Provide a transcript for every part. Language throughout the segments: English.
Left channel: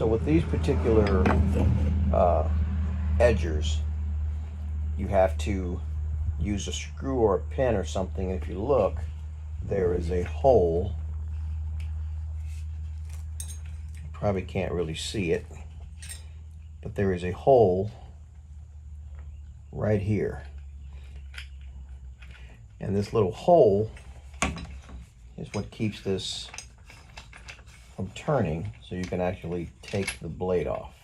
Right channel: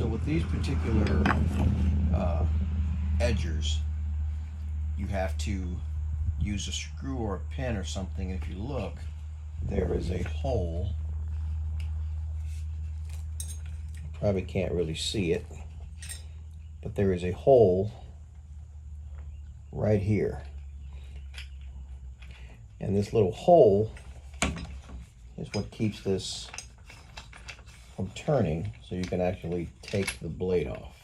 So with these particular edgers, you have to use a screw or a pin or something. If you look, there is a hole. Probably can't really see it, but there is a hole right here. And this little hole is what keeps this from turning, so you can actually take the blade off.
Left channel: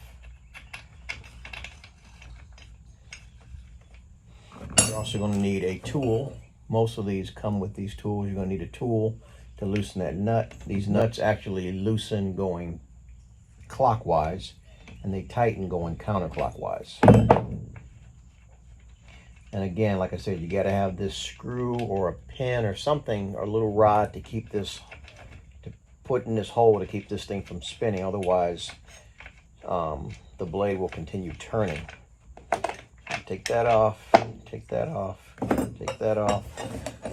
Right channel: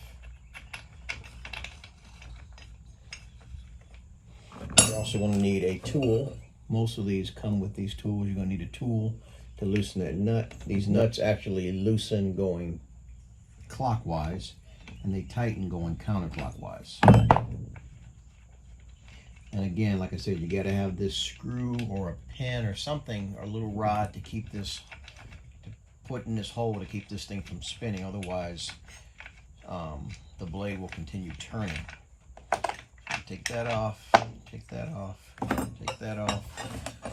You're also going to need a tool. Most of these come with these tools. You're going to need a tool to loosen that nut. These nuts actually loosen going clockwise, and they tighten going counterclockwise. And again, like I said, you got to have this screw or a pin or something, or a little rod to keep this, to put in this hole to keep this thing from spinning. Otherwise, the blade will continue turning. Take that off, take that off, take that off.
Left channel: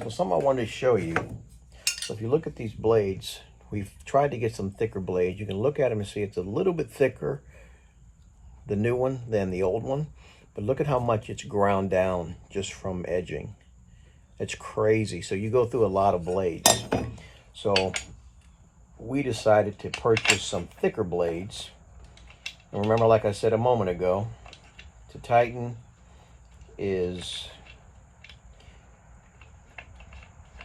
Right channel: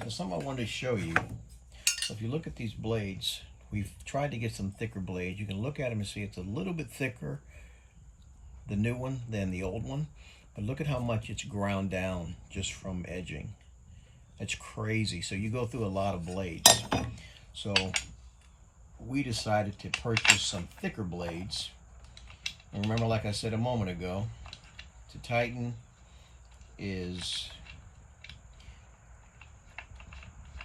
So something I wanted to show you. So if you look at these blades, we've tried to get some thicker blades. You can look at them and see it's a little bit thicker, the new one, than the old one. But look at how much it's ground down just from edging. It's crazy. So you go through a lot of blades. So we decided to purchase some thicker blades. And remember, like I said a moment ago, to tighten is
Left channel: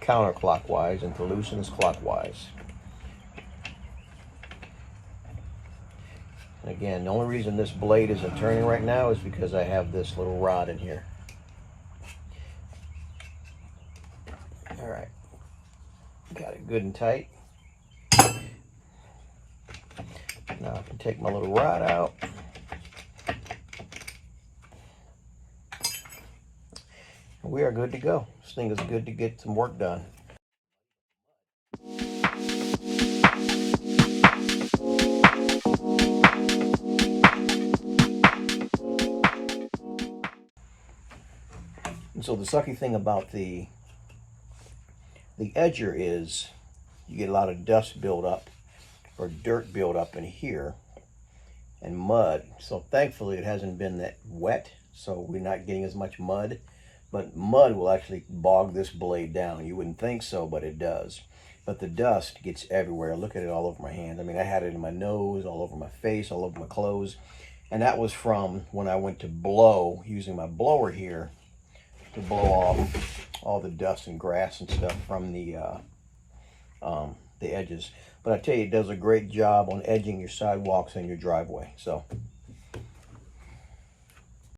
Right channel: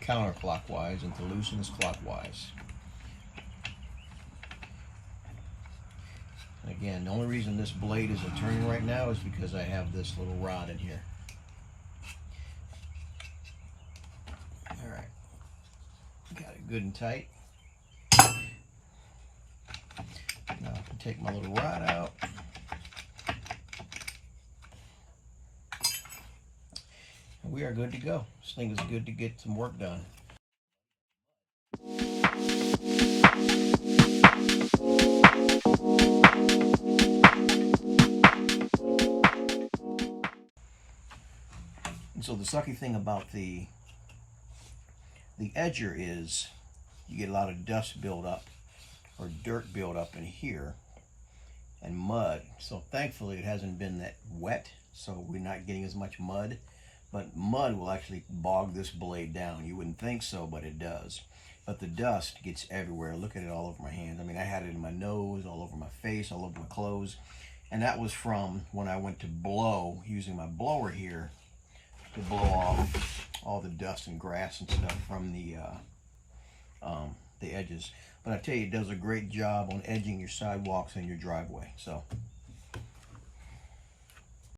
counterclockwise and to loosen is clockwise. And again, the only reason this blade isn't turning right now is because I have this little rod in here. All right, got it good and tight. Now I can take my little rod out. We are good to go. This thing is good to get some work done. And so the sucky thing about the edger is you get a lot of dust build up or dirt build up in here and mud. So thankfully it hasn't been that wet, so we're not getting as much mud. But mud will actually bog this blade down. You wouldn't think so, but it does. But the dust gets everywhere. Look at it all over my hand. I mean, I had it in my nose, all over my face, all over my clothes. And that was from when I went to blow, using my blower here to blow off all the dust and grass and stuff from the edges. But I tell you, it does a great job on edging your sidewalks and your driveway. So